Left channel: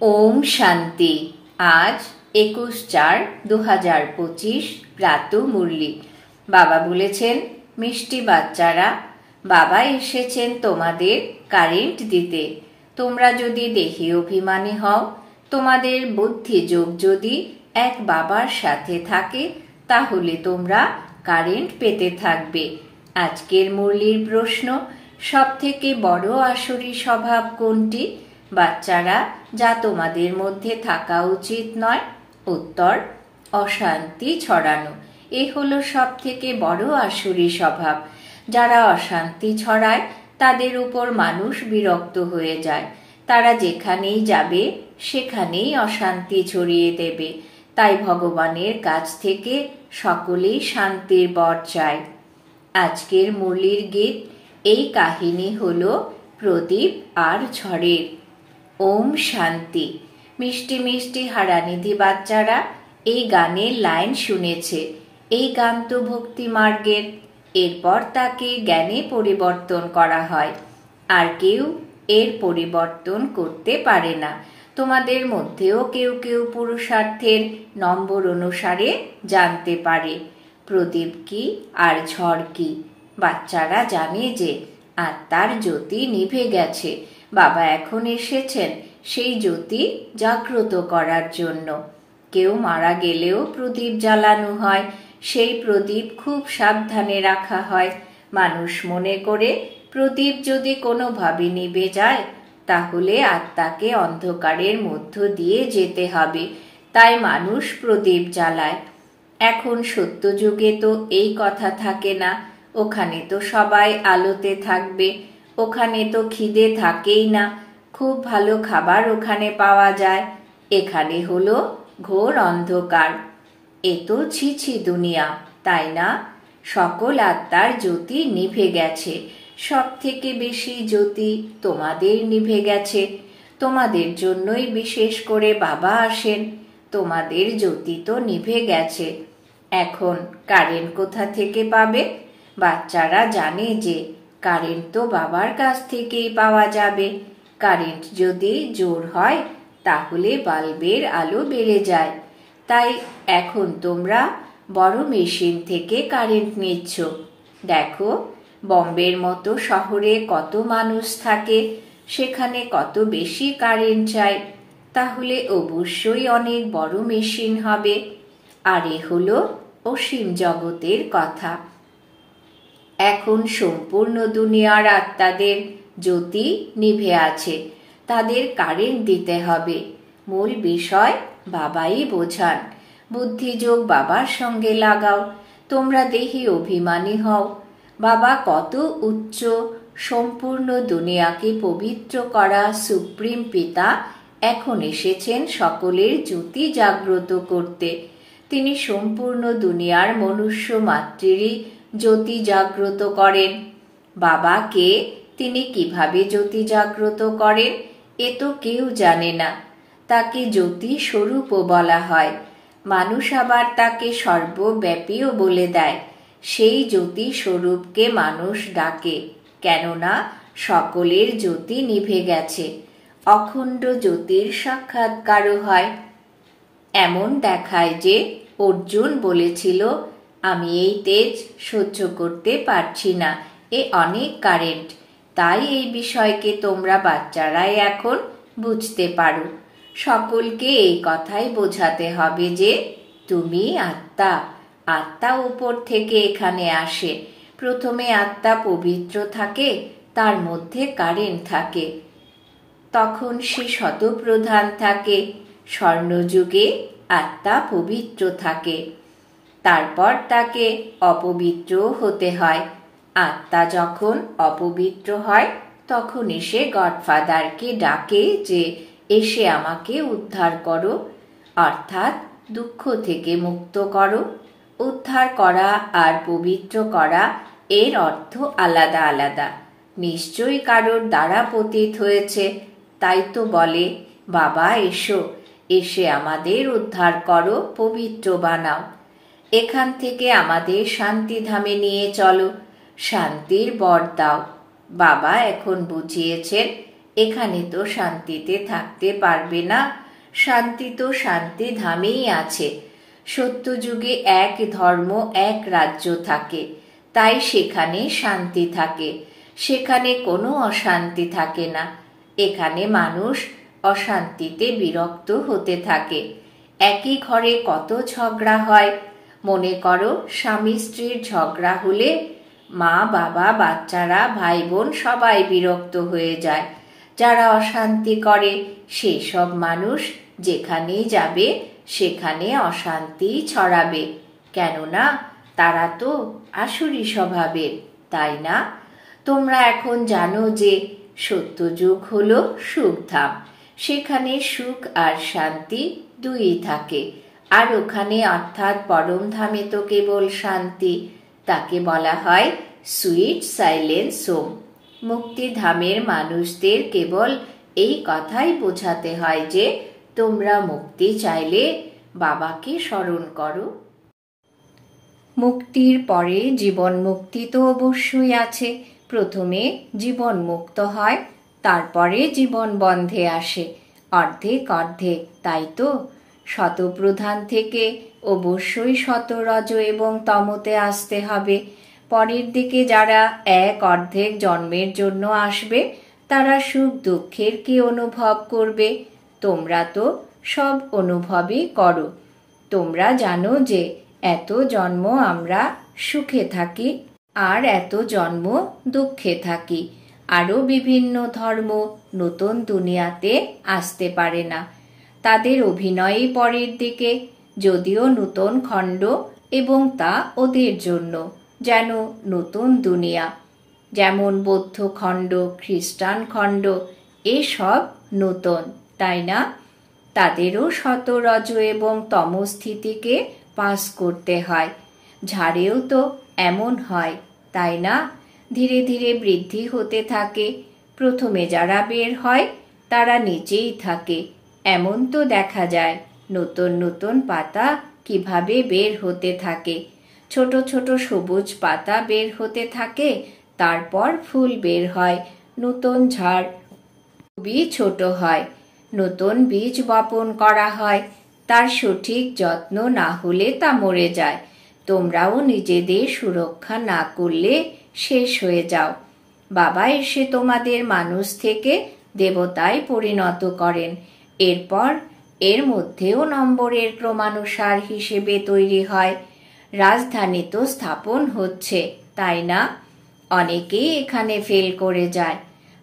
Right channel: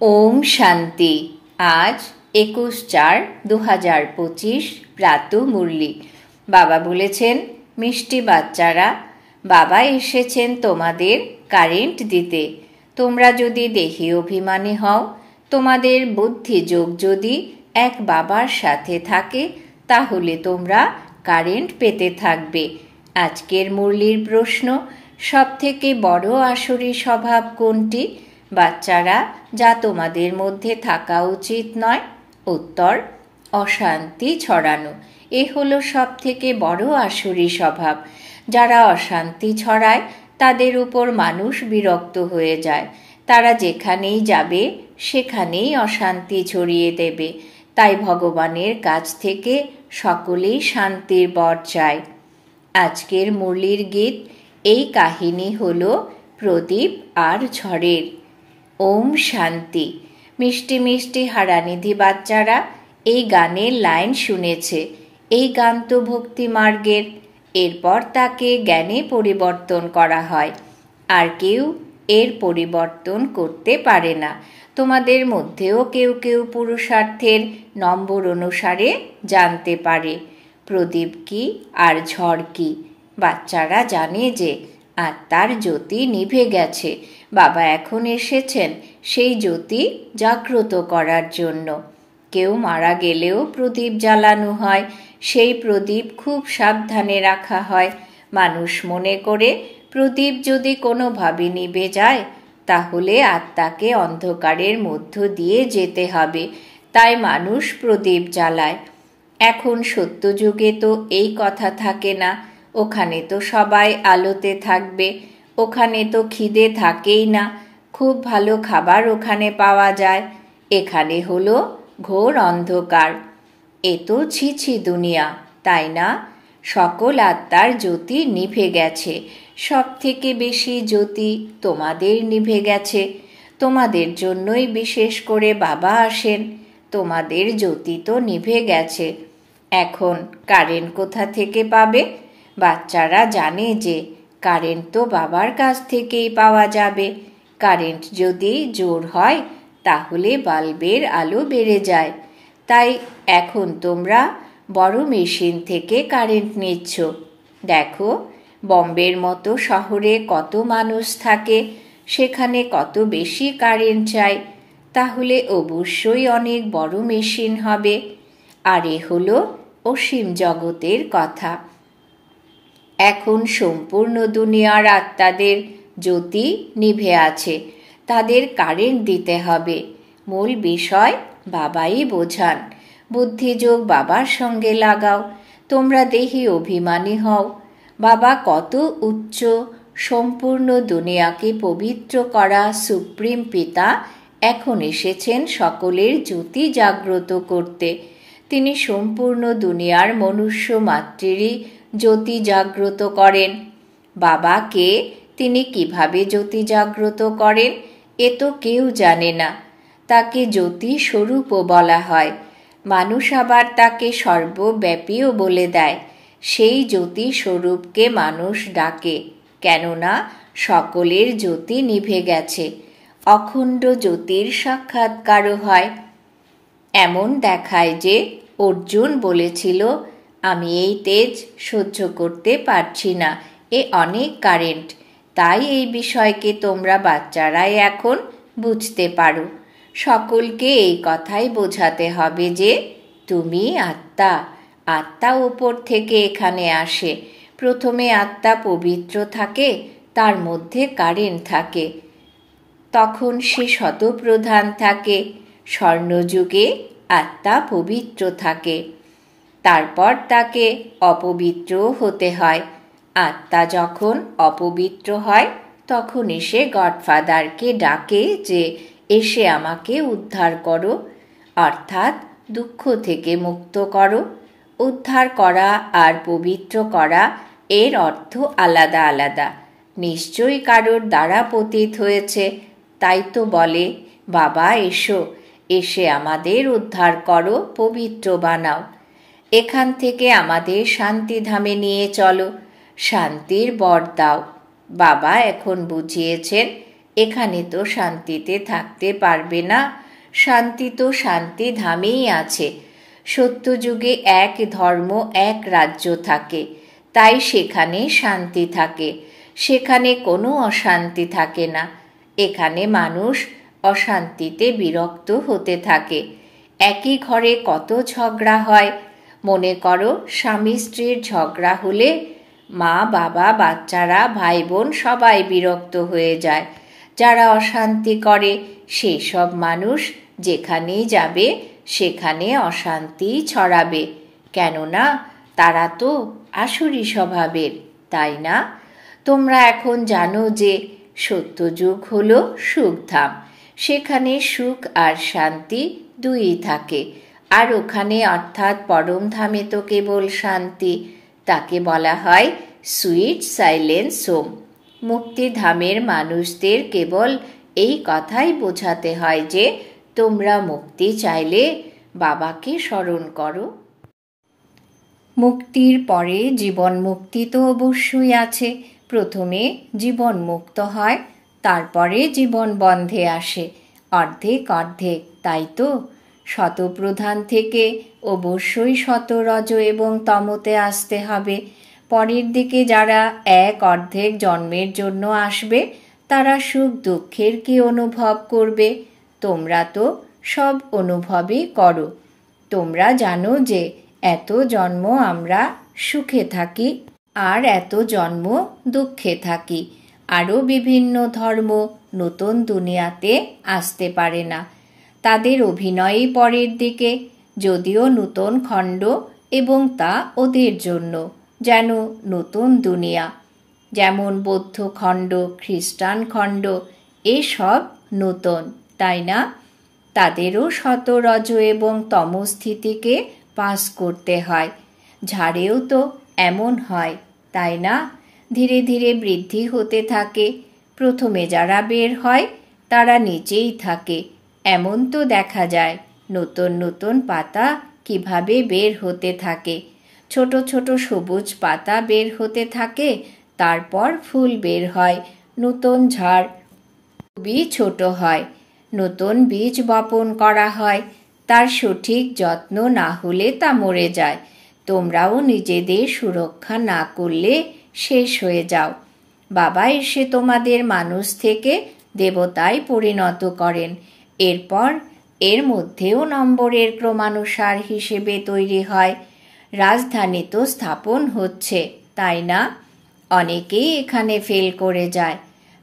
ওম শান্তি। আজ 21/4/2025 প্রাত মুরলি। বাবা বলেছেন, মিষ্টি বাচ্চারা, বাবা এসেছেন তোমাদের কারেন্ট দিতে। তোমরা যদি দেহি অভিমানী হও, তোমাদের বুদ্ধি যোগ যদি এক বাবার সাথে থাকে, তাহলে তোমরা কারেন্ট পেতে থাকবে। আজকের মুরলির প্রশ্ন, সবথেকে বড় আসরি স্বভাব কোনটি বাচ্চারা, যা তোমাদের মধ্যে থাকা উচিত নয়? উত্তর, অশান্তি ছড়ানো। এ হলো সব থেকে বড় আসরি স্বভাব। যারা অশান্তি ছড়ায় তাদের উপর মানুষ বিরক্ত হয়ে যায়। তারা যেখানেই যাবে সেখানেই অশান্তি ছড়িয়ে দেবে। তাই ভগবানের কাছ থেকে সকলেই শান্তির বর চায়। আজকের মুরলির গীত, এই কাহিনী হলো প্রদীপ আর ঝড়ের। ওম শান্তি। মিষ্টি মিষ্টি হারানিধি বাচ্চারা এই গানের লাইন শুনেছে। এই গান তো ভক্তি মার্গের। এরপর তাকে জ্ঞানে পরিবর্তন করা হয়। আর কেউ এর পরিবর্তন করতে পারে না। তোমাদের মধ্যেও কেউ কেউ পুরুষার্থের নম্বর অনুসারে জানতে পারে প্রদীপ কি আর ঝড় কি। বাচ্চারা জানে যে আত্মার জ্যোতি নিভে গেছে। বাবা এখন এসেছেন সেই জ্যোতি জাগ্রত করার জন্য। কেউ মারা গেলেও প্রদীপ জ্বালানো হয়। সেই প্রদীপ খুব সাবধানে রাখা হয়। মানুষ মনে করে প্রদীপ যদি কোনোভাবে নিভে যায়, তাহলে আত্মাকে অন্ধকারের মধ্য দিয়ে যেতে হবে। তাই মানুষ প্রদীপ জ্বালায়। এখন সত্যযুগে তো এই কথা থাকে না। ওখানে তো সবাই আলোতে থাকবে। ওখানে তো খিদে থাকেই না। খুব ভালো খাবার ওখানে পাওয়া যায়। এখানে হলো ঘোর অন্ধকার। এ তো ছিছি দুনিয়া, তাই না? সকল আত্মার জ্যোতি নিভে গেছে। সব থেকে বেশি জ্যোতি তোমাদের নিভে গেছে। তোমাদের জন্যই বিশেষ করে বাবা আসেন। তোমাদের জ্যোতি তো নিভে গেছে। এখন কারেন্ট কোথা থেকে পাবে? বাচ্চারা জানে যে কারেন্ট তো বাবার কাছ থেকেই পাওয়া যাবে। কারেন্ট যদি জোর হয় তাহলে বাল্বের আলো বেড়ে যায়। তাই এখন তোমরা বড় মেশিন থেকে কারেন্ট নিচ্ছ। দেখো, বম্বের মতো শহরে কত মানুষ থাকে, সেখানে কত বেশি কারেন্ট চাই। তাহলে অবশ্যই অনেক বড় মেশিন হবে। আর এ হলো অসীম জগতের কথা। এখন সম্পূর্ণ দুনিয়ার আত্মাদের জ্যোতি নিভে আছে। তাদের কারেন্ট দিতে হবে। মূল বিষয় বাবাই বোঝান। বুদ্ধিযোগ বাবার সঙ্গে লাগাও। তোমরা দেহি অভিমানী হও। বাবা কত উচ্চ, সম্পূর্ণ দুনিয়াকে পবিত্র করা সুপ্রিম পিতা এখন এসেছেন সকলের জ্যোতি জাগ্রত করতে। তিনি সম্পূর্ণ দুনিয়ার মনুষ্য মাতৃরই জ্যোতি জাগ্রত করেন। বাবাকে তিনি কিভাবে জ্যোতি জাগ্রত করেন এ তো কেউ জানে না। তাকে জ্যোতি স্বরূপও বলা হয়। মানুষ আবার তাকে সর্বব্যাপীও বলে দেয়। সেই জ্যোতি স্বরূপকে মানুষ ডাকে, কেননা সকলের জ্যোতি নিভে গেছে। অখণ্ড জ্যোতির সাক্ষাৎকারও হয়। এমন দেখায় যে অর্জুন বলেছিল, আমি এই তেজ সহ্য করতে পারছি না, এ অনেক কারেন্ট। তাই এই বিষয়কে তোমরা বাচ্চারাই এখন বুঝতে পারো। সকলকে এই কথাই বোঝাতে হবে যে তুমি আত্মা। আত্মা উপর থেকে এখানে আসে। প্রথমে আত্মা পবিত্র থাকে, তার মধ্যে কারেন্ট থাকে, তখন সে শতপ্রধান থাকে। স্বর্ণযুগে আত্মা পবিত্র থাকে, তারপর তাকে অপবিত্র হতে হয়। আত্মা যখন অপবিত্র হয় তখন এসে গডফাদারকে ডাকে যে এসে আমাকে উদ্ধার করো, অর্থাৎ দুঃখ থেকে মুক্ত করো। উদ্ধার করা আর পবিত্র করা এর অর্থ আলাদা আলাদা। নিশ্চয়ই কারোর দ্বারা পতিত হয়েছে, তাই তো বলে বাবা এসো, এসে আমাদের উদ্ধার করো, পবিত্র বানাও। এখান থেকে আমাদের শান্তিধামে নিয়ে চলো, শান্তির বর দাও। বাবা এখন বুঝিয়েছেন এখানে তো শান্তিতে থাকতে পারবে না। শান্তি তো শান্তি ধামেই আছে। সত্যযুগে এক ধর্ম, এক রাজ্য থাকে, তাই সেখানে শান্তি থাকে। সেখানে কোনো অশান্তি থাকে না। এখানে মানুষ অশান্তিতে বিরক্ত হতে থাকে। একই ঘরে কত ঝগড়া হয়। মনে করো, স্বামী স্ত্রীর ঝগড়া হলে মা বাবা বাচ্চারা ভাই বোন সবাই বিরক্ত হয়ে যায়। যারা অশান্তি করে সেসব মানুষ যেখানেই যাবে সেখানে অশান্তি ছড়াবে। কেননা তারা তো আসুরি স্বভাবের, তাই না? তোমরা এখন জানো যে সত্যযুগ হলো সুখধাম। সেখানে সুখ আর শান্তি দুই থাকে। আর ওখানে অর্থাৎ পরমধামে তো কেবল শান্তি। তাকে বলা হয় সুইট সাইলেন্স হোম। মুক্তিধামের মানুষদের কেবল এই কথাই বোঝাতে হয় যে তোমরা মুক্তি চাইলে বাবাকে স্মরণ করো। মুক্তির পরে জীবন মুক্তি তো অবশ্যই আছে। প্রথমে জীবন মুক্ত হয়, তারপরে জীবন বন্ধে আসে। অর্ধেক অর্ধেক, তাই তো? শতপ্রধান থেকে অবশ্যই শতরজ এবং তমতে আসতে হবে। পরের দিকে যারা এক অর্ধেক জন্মের জন্য আসবে তারা সুখ দুঃখের কি অনুভব করবে? তোমরা তো সব অনুভবই করো। তোমরা জানো যে এত জন্ম আমরা সুখে থাকি আর এত জন্ম দুঃখে থাকি। আরও বিভিন্ন ধর্ম নতুন দুনিয়াতে আসতে পারে না। তাদের অভিনয়ই পরের দিকে, যদিও নতুন খণ্ড, এবং তা ওদের জন্য যেন নতুন দুনিয়া। যেমন বৌদ্ধ খণ্ড, খ্রিস্টান খণ্ড, এসব নতুন, তাই না? তাদেরও শতরজ এবং তমস্থিতিকে পাস করতে হয়। ঝাড়েও তো এমন হয়, তাই না? ধীরে ধীরে বৃদ্ধি হতে থাকে। প্রথমে যারা বের হয় তারা নিচেই থাকে। এমন তো দেখা যায় নতুন নতুন পাতা কিভাবে বের হতে থাকে। ছোট ছোট সবুজ পাতা বের হতে থাকে, তারপর ফুল বের হয়, নতুন ঝাড় খুবই ছোট হয়। নতুন বীজ বপন করা হয়, তার সঠিক যত্ন না হলে তা মরে যায়। তোমরাও নিজেদের সুরক্ষা না করলে শেষ হয়ে যাও। বাবা এসে তোমাদের মানুষ থেকে দেবতায় পরিণত করেন। এরপর এর মধ্যেও নম্বরের ক্রমানুসার হিসেবে তৈরি হয়। রাজধানী তো স্থাপন হচ্ছে, তাই না? অনেকেই এখানে ফেল করে যায়।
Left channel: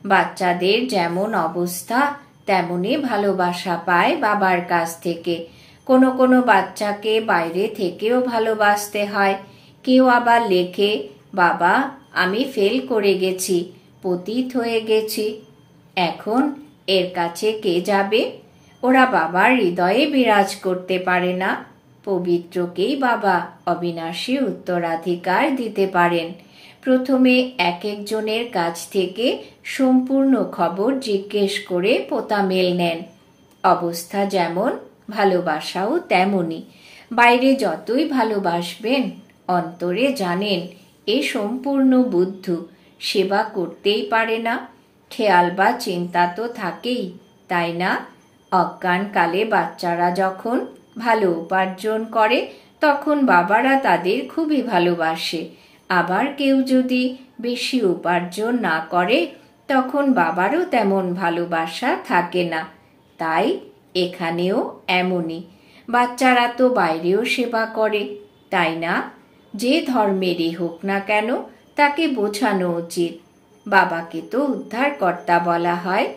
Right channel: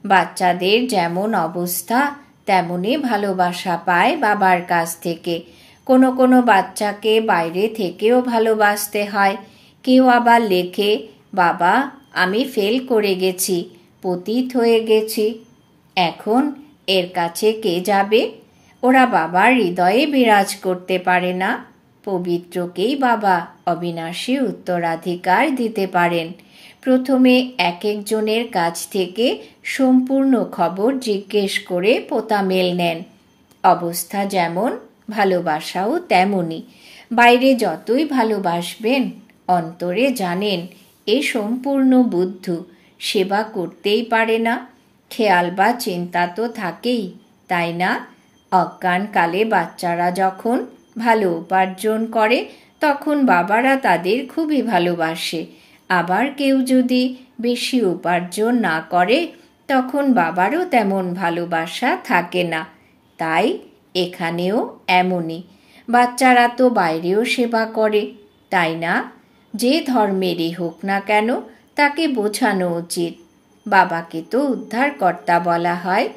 বাচ্চাদের যেমন অবস্থা তেমনই ভালোবাসা পায় বাবার কাছ থেকে। কোনো কোনো বাচ্চাকে বাইরে থেকেও ভালোবাসতে হয়। কেউ আবার লেখে, বাবা আমি ফেল করে গেছি, পতিত হয়ে গেছি। এখন এর কাছে কে যাবে? ওরা বাবার হৃদয়ে বিরাজ করতে পারে না। পবিত্রকেই বাবা অবিনাশী উত্তরাধিকার দিতে পারেন। প্রথমে এক একজনের কাছ থেকে সম্পূর্ণ খবর জিজ্ঞেস করে পোতামেল নেন। অবস্থা যেমন ভালোবাসাও তেমনি। বাইরে যতই ভালোবাসবেন, অন্তরে জানেন এ সম্পূর্ণ বুদ্ধ, সেবা করতেই পারে না। খেয়াল বা চিন্তা তো থাকেই, তাই না? অজ্ঞানকালে বাচ্চারা যখন ভালো উপার্জন করে তখন বাবারা তাদের খুবই ভালোবাসে। আবার কেউ যদি বেশি উপার্জন না করে তখন বাবারও তেমন ভালোবাসা থাকে না। তাই এখানেও এমনই। বাচ্চারা তো বাইরেও সেবা করে, তাই না? যে ধর্মেরই হোক না কেন তাকে বোঝানো উচিত। বাবাকে তো উদ্ধারকর্তা বলা হয়।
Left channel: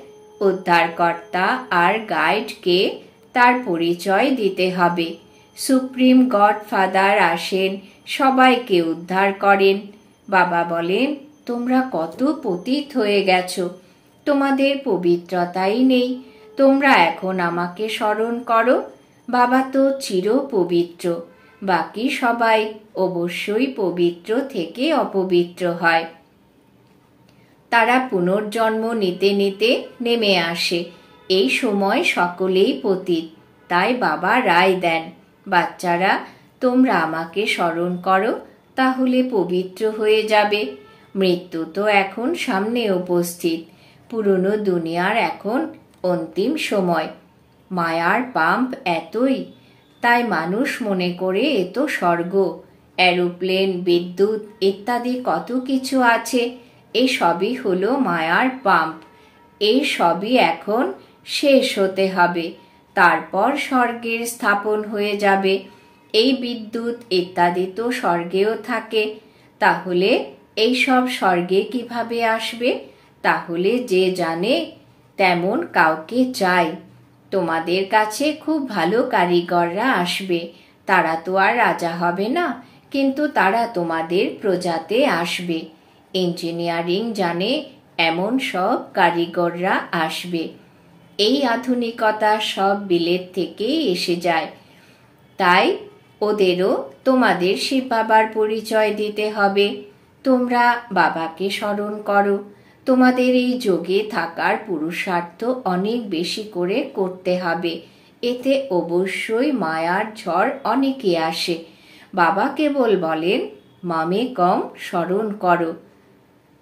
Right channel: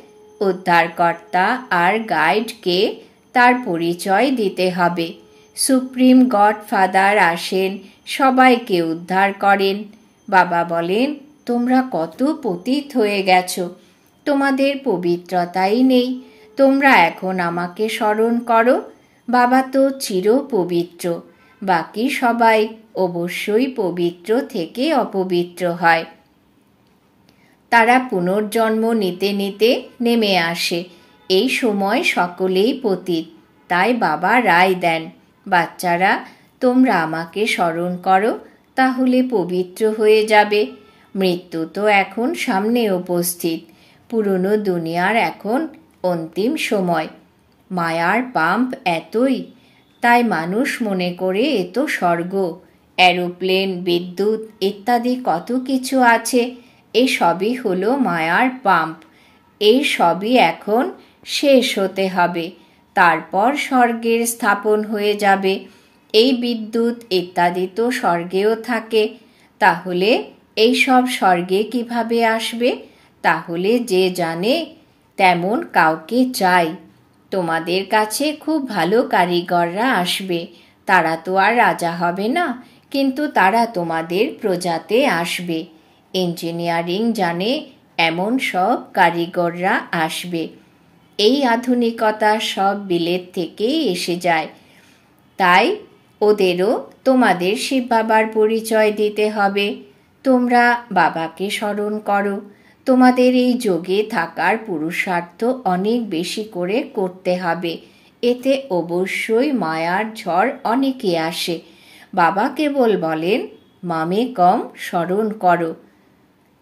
উদ্ধারকর্তা আর গাইডকে তার পরিচয় দিতে হবে। সুপ্রিম গডফাদার আসেন, সবাইকে উদ্ধার করেন। বাবা বলেন, তোমরা কত পতিত হয়ে গেছো, তোমাদের পবিত্রতাই নেই। তোমরা এখন আমাকে স্মরণ করো। বাবা তো চির পবিত্র, বাকি সবাই অবশ্যই পবিত্র থেকে অপবিত্র হয়। তারা পুনর্জন্ম নিতে নিতে নেমে আসে। এই সময় সকলেই পতিত, তাই বাবা রায় দেন, বাচ্চারা তোমরা আমাকে স্মরণ করো, তাহলে পবিত্র হয়ে যাবে। মৃত্যু তো এখন সামনে উপস্থিত। পুরনো দুনিয়ার এখন অন্তিম সময়। মায়ার পাম্প এতই, তাই মানুষ মনে করে এ তো স্বর্গ। এরোপ্লেন, বিদ্যুৎ ইত্যাদি কত কিছু আছে, এই সবই হলো মায়ার পাম্প। এই সবই এখন শেষ হতে হবে, তারপর স্বর্গের স্থাপন হয়ে যাবে। এই বিদ্যুৎ ইত্যাদি তো স্বর্গেও থাকে, তাহলে এই সব স্বর্গে কিভাবে আসবে? তাহলে যে জানে তেমন কাউকে চাই। তোমাদের কাছে খুব ভালো কারিগররা আসবে, তারা তো আর রাজা হবে না, কিন্তু তারা তোমাদের প্রজাতে আসবে। ইঞ্জিনিয়ারিং জানে এমন সব কারিগররা আসবে। এই আধুনিকতা সব বিলেত থেকেই এসে যায়, তাই ওদেরও তোমাদের শিব বাবার পরিচয় দিতে হবে। তোমরা বাবাকে স্মরণ করো। তোমাদের এই যোগে থাকার পুরুষার্থ অনেক বেশি করে করতে হবে, এতে অবশ্যই মায়ার ঝড় অনেকে আসে। বাবা কেবল বলেন মামে কম স্মরণ করো।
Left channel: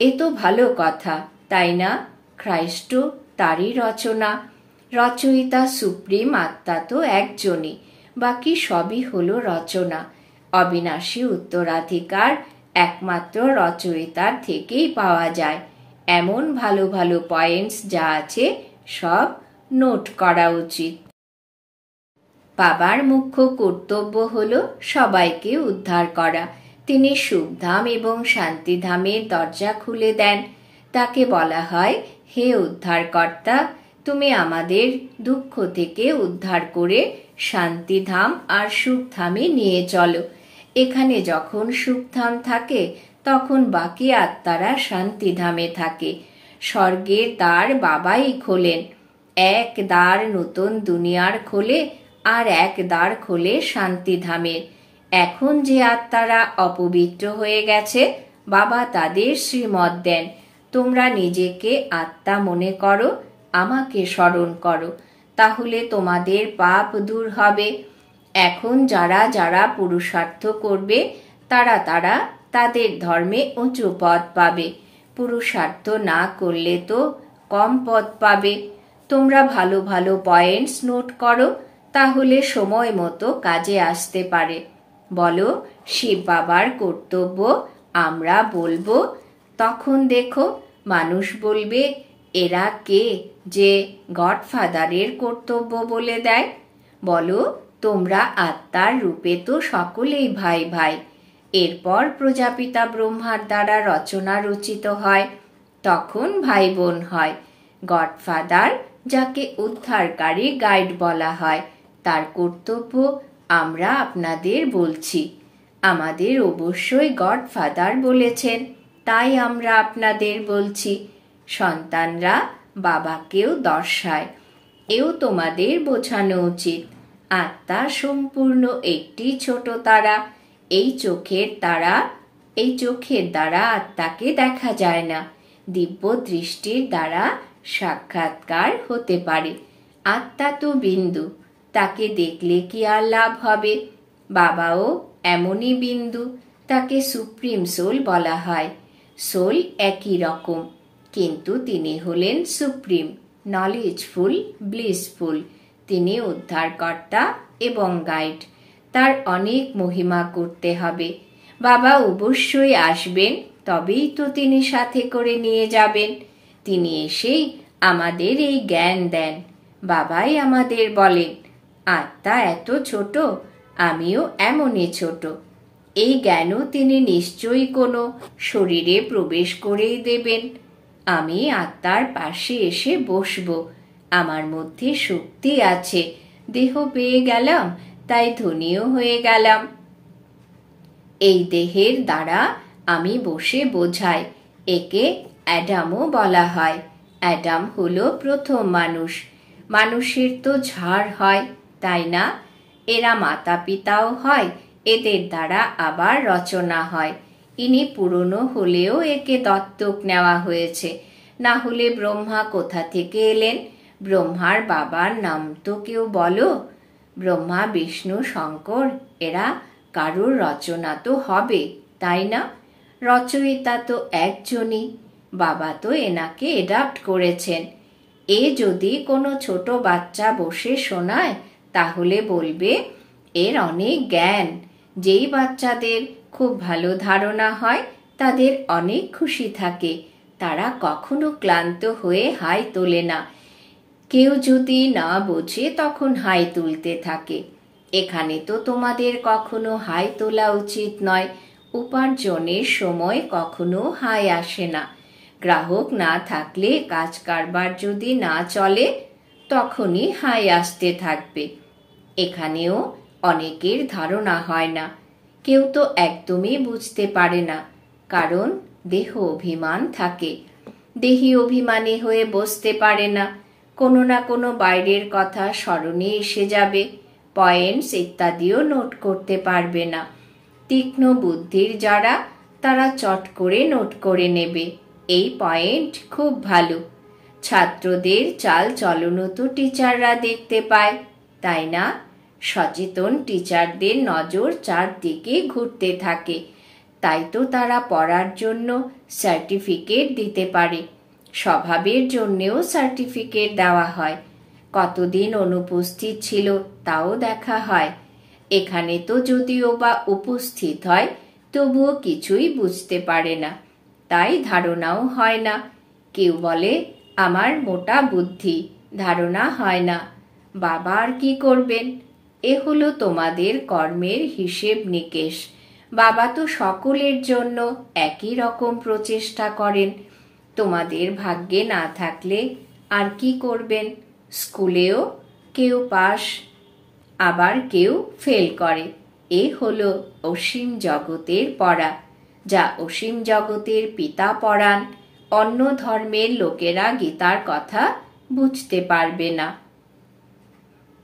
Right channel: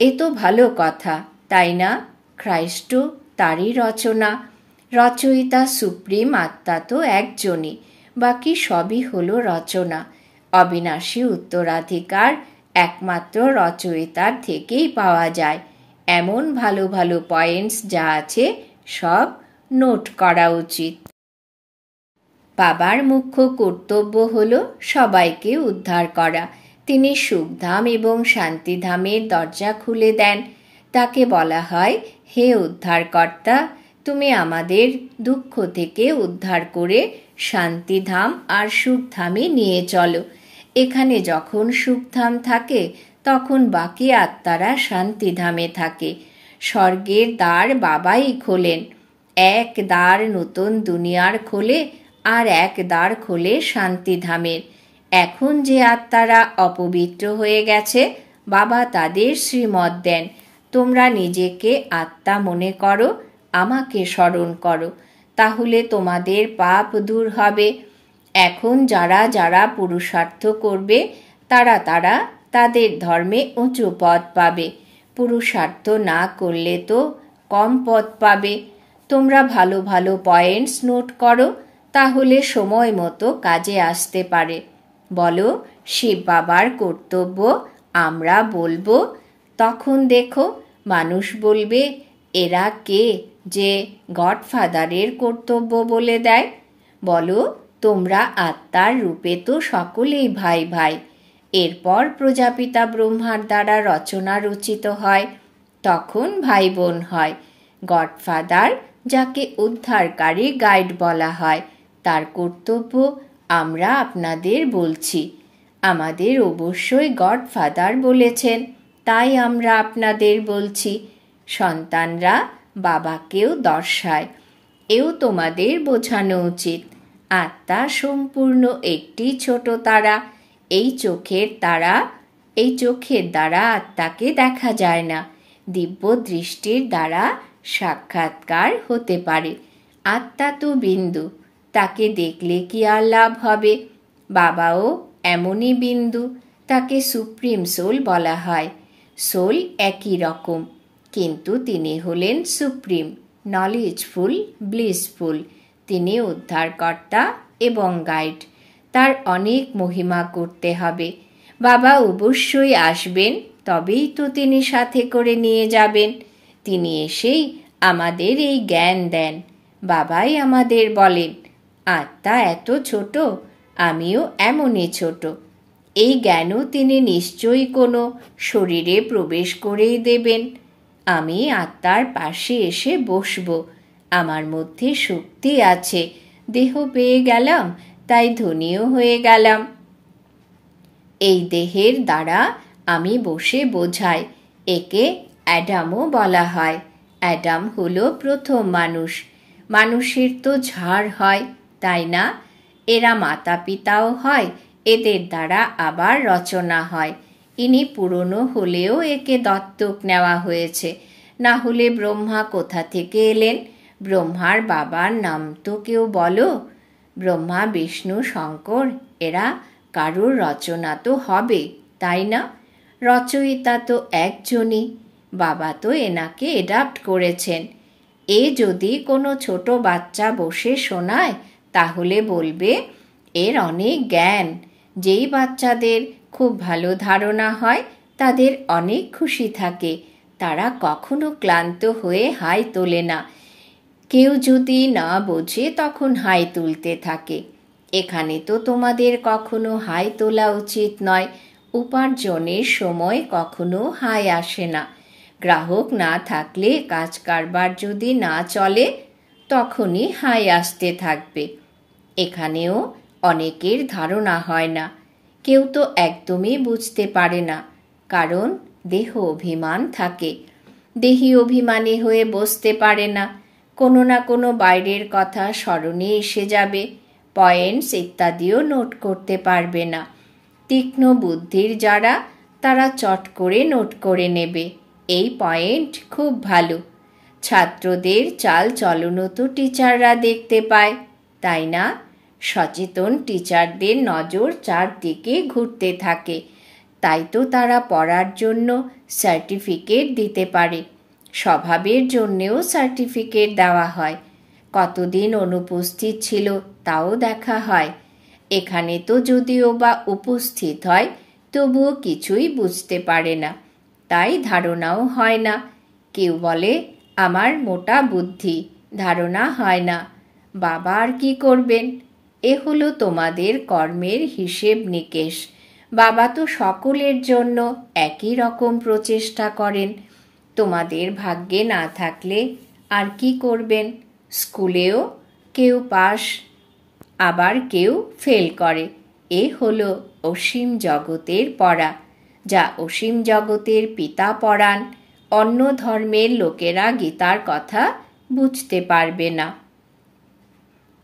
এ তো ভালো কথা, তাই না? খ্রাইস্ট তারই রচনা, রচয়িতা সুপ্রিম আত্মা তো একজনই, বাকি সবই হলো রচনা। অবিনাশী উত্তরাধিকার একমাত্র রচয়িতার থেকেই পাওয়া যায়। এমন ভালো ভালো পয়েন্টস যা আছে সব নোট করা উচিত। বাবার মুখ্য কর্তব্য হলো সবাইকে উদ্ধার করা। তিনি সুখধাম এবং শান্তিধামের দরজা খুলে দেন। তাকে বলা হয়, হে উদ্ধারকর্তা, তুমি আমাদের দুঃখ থেকে উদ্ধার করে শান্তিধাম আর সুখধামে নিয়ে চলো। এখানে যখন সুখধাম থাকে তখন বাকি আত্মারা শান্তিধামে থাকে। স্বর্গের দ্বার বাবাই খোলেন। এক দ্বার নতুন দুনিয়ার খোলে, আর এক দ্বার খোলে শান্তিধামের। এখন যে আত্মারা অপবিত্র হয়ে গেছে, বাবা তাদের শ্রীমত দেন, তোমরা নিজেকে আত্মা মনে করো, আমাকে স্মরণ করো, তাহলে তোমাদের পাপ দূর হবে। এখন যারা যারা পুরুষার্থ করবে তারা তারা তাদের ধর্মে উঁচু পদ পাবে। পুরুষার্থ না করলে তো কম পদ পাবে। তোমরা ভালো ভালো পয়েন্টস নোট করো, তাহলে সময় মতো কাজে আসতে পারে। বলো, শিব বাবার কর্তব্য আমরা বলবো। তখন দেখো মানুষ বলবে, এরা কে যে গডফাদারের কর্তব্য বলে দেয়? বলো, তোমরা আত্মার রূপে তো সকলেই ভাই ভাই। এরপর প্রজাপিতা ব্রহ্মার দ্বারা রচনা রচিত হয়, তখন ভাই বোন হয়। গডফাদার, যাকে উদ্ধারকারী গাইড বলা হয়, তার কর্তব্য আমরা আপনাদের বলছি। আমাদের অবশ্যই গডফাদার বলেছেন, তাই আমরা আপনাদের বলছি। সন্তানরা বাবাকেও দর্শায়, এও তোমাদের বোঝানো উচিত। আত্মা সম্পূর্ণ একটি ছোট তারা। এই চোখের দ্বারা আত্মাকে দেখা যায় না, দিব্য দৃষ্টির দ্বারা সাক্ষাৎকার হতে পারে। আত্মা তো বিন্দু, তাকে দেখলে কি আর লাভ হবে? বাবাও এমনই বিন্দু, তাকে সুপ্রিম সোল বলা হয়। সোল একই রকম, কিন্তু তিনি হলেন সুপ্রিম, নলেজফুল, ব্লিসফুল। তিনি উদ্ধারকর্তা এবং গাইড। তার অনেক মহিমা করতে হবে। বাবা অবশ্যই আসবেন, তবেই তো তিনি সাথে করে নিয়ে যাবেন। তিনি এসেই আমাদের এই জ্ঞান দেন। বাবাই আমাদের বলেন, আত্মা এত ছোট, আমিও এমনই ছোট। এই জ্ঞানও তিনি নিশ্চয়ই কোনো শরীরে প্রবেশ করেই দেবেন। আমি আত্মার পাশে এসে বসব। আমার মধ্যে শক্তি আছে, দেহ পেয়ে গেলাম, তাই ধনীও হয়ে গেলাম। এই দেহের দ্বারা আমি বসে বোঝাই। একে অ্যাডামও বলা হয়। অ্যাডাম হলো প্রথম মানুষ। মানুষের তো ঝাড় হয়, তাই না? এরা মাতা পিতাও হয়, এদের দ্বারা আবার রচনা হয়। ইনি পুরনো হলেও একে দত্তক নেওয়া হয়েছে, না হলে ব্রহ্মা কোথা থেকে এলেন? ব্রহ্মার বাবার নাম তো কেউ বলো। ব্রহ্মা, বিষ্ণু, শঙ্কর, এরা কারোর রচনা তো হবে, তাই না? রচয়িতা তো একজনই। বাবা তো এনাকে অ্যাডাপ্ট করেছেন। এ যদি কোনো ছোট বাচ্চা বসে শোনায় তাহলে বলবে এর অনেক জ্ঞান। যেই বাচ্চাদের খুব ভালো ধারণা হয় তাদের অনেক খুশি থাকে, তারা কখনো ক্লান্ত হয়ে হাই তোলে না। কেউ যদি না বোঝে তখন হাই তুলতে থাকে। এখানে তো তোমাদের কখনো হাই তোলা উচিত নয়। উপার্জনের সময় কখনো হাই আসে না। গ্রাহক না থাকলে কাজ কারবার যদি না চলে তখনই হাই আসতে থাকবে। এখানেও অনেকের ধারণা হয় না। কেউ তো একদমই বুঝতে পারে না, কারণ দেহ অভিমান থাকে। দেহি অভিমানী হয়ে বসতে পারে না। কোনো না কোনো বাইরের কথা স্মরণে এসে যাবে, পয়েন্টস ইত্যাদিও নোট করতে পারবে না। তীক্ষ্ণ বুদ্ধির যারা, তারা চট করে নোট করে নেবে এই পয়েন্ট খুব ভালো। ছাত্রদের চাল চলনও তো টিচাররা দেখতে পায়, তাই না? সচেতন টিচারদের নজর চারদিকে ঘুরতে থাকে, তাই তো তারা পড়ার জন্য সার্টিফিকেট দিতে পারে। স্বভাবের জন্যেও সার্টিফিকেট দেওয়া হয়। কতদিন অনুপস্থিত ছিল তাও দেখা হয়। এখানে তো যদিও বা উপস্থিত হয় তবুও কিছুই বুঝতে পারে না, তাই ধারণাও হয় না। কেউ বলে আমার মোটা বুদ্ধি, ধারণা হয় না। বাবা আর কি করবেন? এ হলো তোমাদের কর্মের হিসেব নিকেশ। বাবা তো সকলের জন্য একই রকম প্রচেষ্টা করেন। তোমাদের ভাগ্যে না থাকলে আর কি করবেন? স্কুলেও কেউ পাস, আবার কেউ ফেল করে। এ হলো অসীম জগতের পড়া, যা অসীম জগতের পিতা পড়ান। অন্য ধর্মের লোকেরা গীতার কথা বুঝতে পারবে না।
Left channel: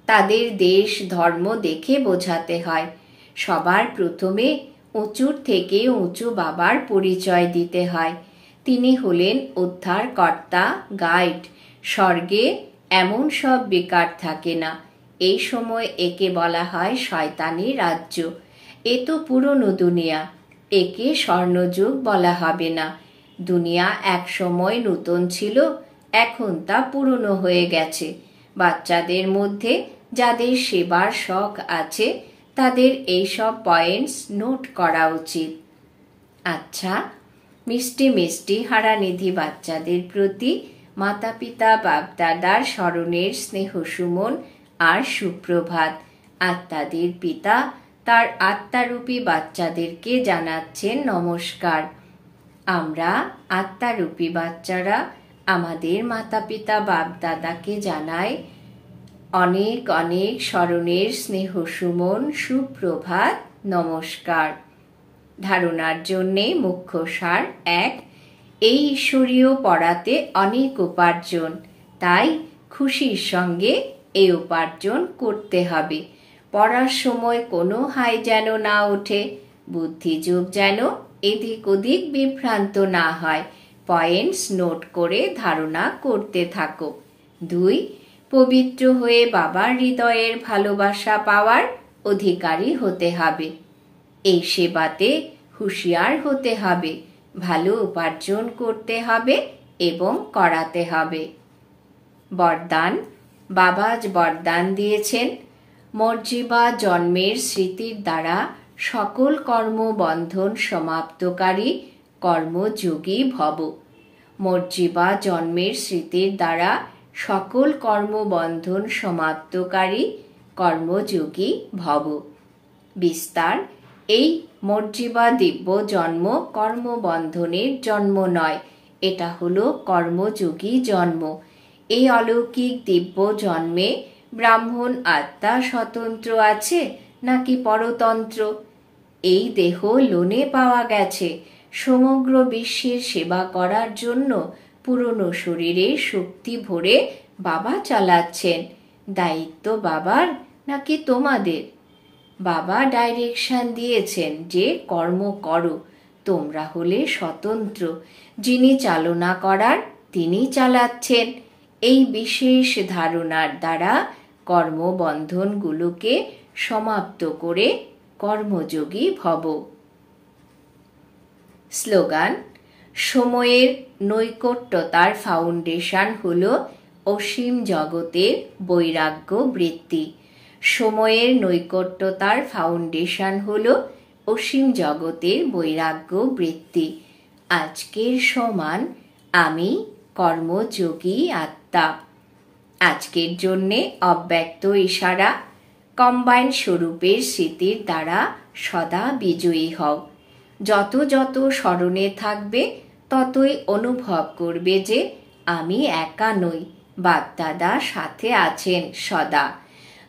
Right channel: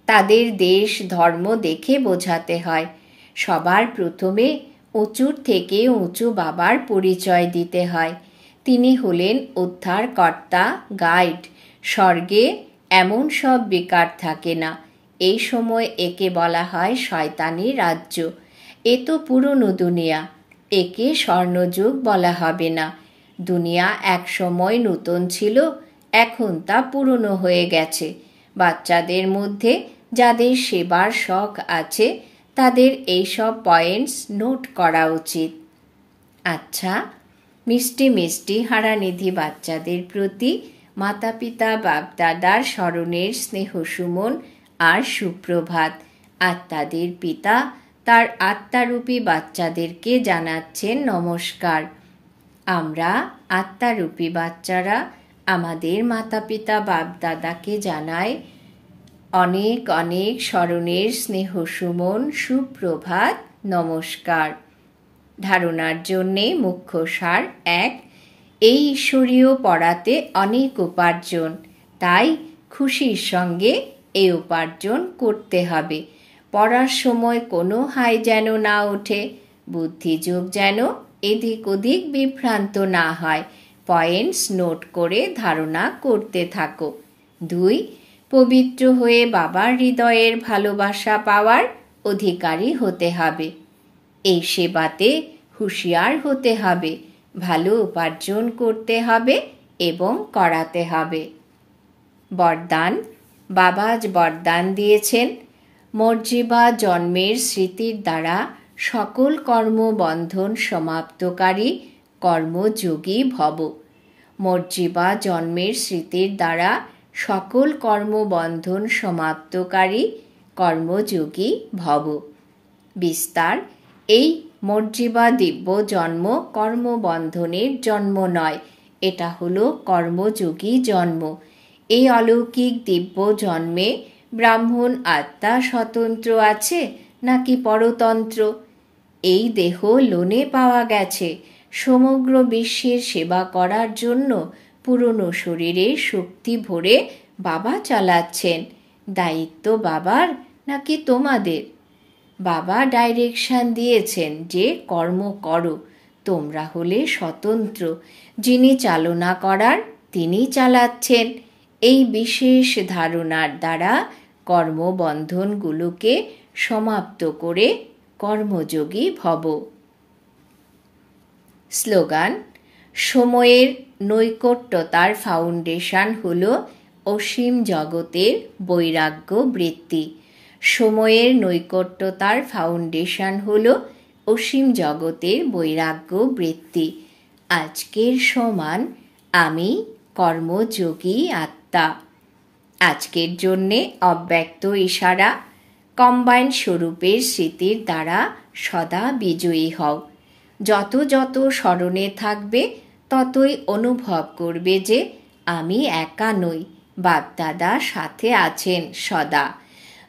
তাদের দেশ ধর্ম দেখে বোঝাতে হয়। সবার প্রথমে উঁচুর থেকে উঁচু বাবার পরিচয় দিতে হয়। তিনি হলেন উদ্ধারকর্তা, গাইড। স্বর্গে এমন সব বেকার থাকে না। এই সময় একে বলা হয় শয়তানি রাজ্য। এ তো পুরনো দুনিয়া, একে স্বর্ণযুগ বলা হবে না। দুনিয়া এক সময় নতুন ছিল, এখন তা পুরনো হয়ে গেছে। বাচ্চাদের মধ্যে যাদের সেবার শখ আছে তাদের এইসব পয়েন্টস নোট করা উচিত। আচ্ছা, মিষ্টি মিষ্টি হারানিধি বাচ্চাদের প্রতি মাতা পিতা বাপদাদার স্মরণের স্নেহ সুমন আর সুপ্রভাত। আত্মাদের পিতা তার আত্মারূপী বাচ্চাদেরকে জানাচ্ছেন নমস্কার। আমরা আত্মারূপী বাচ্চারা আমাদের মাতা পিতা বাপদাদাকে জানাই অনেক অনেক স্মরণের স্নেহ সুমন, সুপ্রভাত, নমস্কার। ধারণার জন্যে মুখ্য সার 1, এই ঈশ্বরীয় পড়াতে অনেক উপার্জন, তাই খুশির সঙ্গে এই উপার্জন করতে হবে। পড়ার সময় কোনো হাই যেন না ওঠে, বুদ্ধিযোগ যেন এদিক ওদিক বিভ্রান্ত না হয়। পয়েন্টস নোট করে ধারণা করতে থাকো। 2, পবিত্র হয়ে বাবার হৃদয়ের ভালোবাসা পাওয়ার অধিকারী হতে হবে। এই সেবাতে হুঁশিয়ার হতে হবে, ভালো উপার্জন করতে হবে এবং করাতে হবে। বরদান। বাবা আজ বরদান দিয়েছেন, মর্জিবা জন্মের স্মৃতির দ্বারা সকল কর্মবন্ধন সমাপ্তকারী কর্মযোগী ভব। মর্জিবা জন্মের স্মৃতির দ্বারা সকল কর্মবন্ধন সমাপ্তকারী কর্মযোগী ভব। বিস্তার। এই মর্জিবা দিব্য জন্ম কর্মবন্ধনের জন্ম নয়, এটা হলো কর্মযোগী জন্ম। এই অলৌকিক দিব্য জন্মে ব্রাহ্মণ আত্মা স্বতন্ত্র আছে নাকি পরতন্ত্র? এই দেহ লোনে পাওয়া গেছে সমগ্র বিশ্বের সেবা করার জন্য। পুরনো শরীরে শক্তি ভরে বাবা চালাচ্ছেন। দায়িত্ব বাবার নাকি তোমাদের? বাবা ডাইরেকশন দিয়েছেন যে কর্ম করো, তোমরা হলে স্বতন্ত্র। যিনি চালনা করার তিনি চালাচ্ছেন। এই বিশেষ ধারণার দ্বারা কর্মবন্ধনগুলোকে সমাপ্ত করে কর্মযোগী ভব। স্লোগান। সময়ের নৈকট্যতার ফাউন্ডেশন হল অসীম জগতের বৈরাগ্য বৃত্তি। সময়ের নৈকট্যতার ফাউন্ডেশন হল অসীম জগতের বৈরাগ্য বৃত্তি। আজকের সমান আমি কর্মযোগী আত্মা। আজকের জন্যে অব্যক্ত ইশারা। কম্বাইন স্বরূপের স্মৃতির দ্বারা সদা বিজয়ী হও। যত যত স্মরণে থাকবে ততই অনুভব করবে যে আমি একা নই, বাপদাদা সাথে আছেন সদা।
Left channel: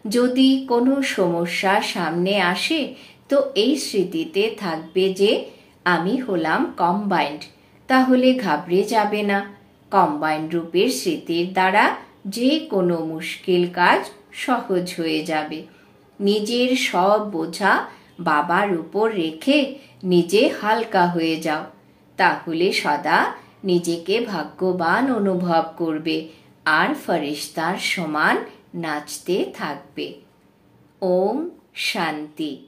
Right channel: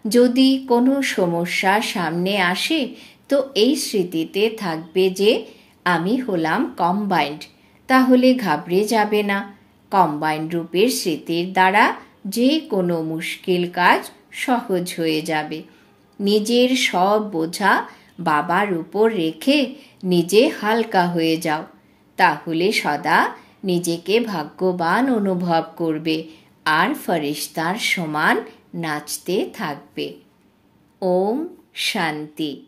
যদি কোনো সমস্যা সামনে আসে তো এই স্মৃতিতে থাকবে যে আমি হলাম কম্বাইন্ড, তাহলে ঘাবড়ে যাবে না। কম্বাইন্ড রূপের স্মৃতির দ্বারা যে কোনো মুশকিল কাজ সহজ হয়ে যাবে। নিজের সব বোঝা বাবার উপর রেখে নিজে হালকা হয়ে যাও, তাহলে সদা নিজেকে ভাগ্যবান অনুভব করবে আর ফেরেশতার সমান নাচতে থাকবে। ওম শান্তি।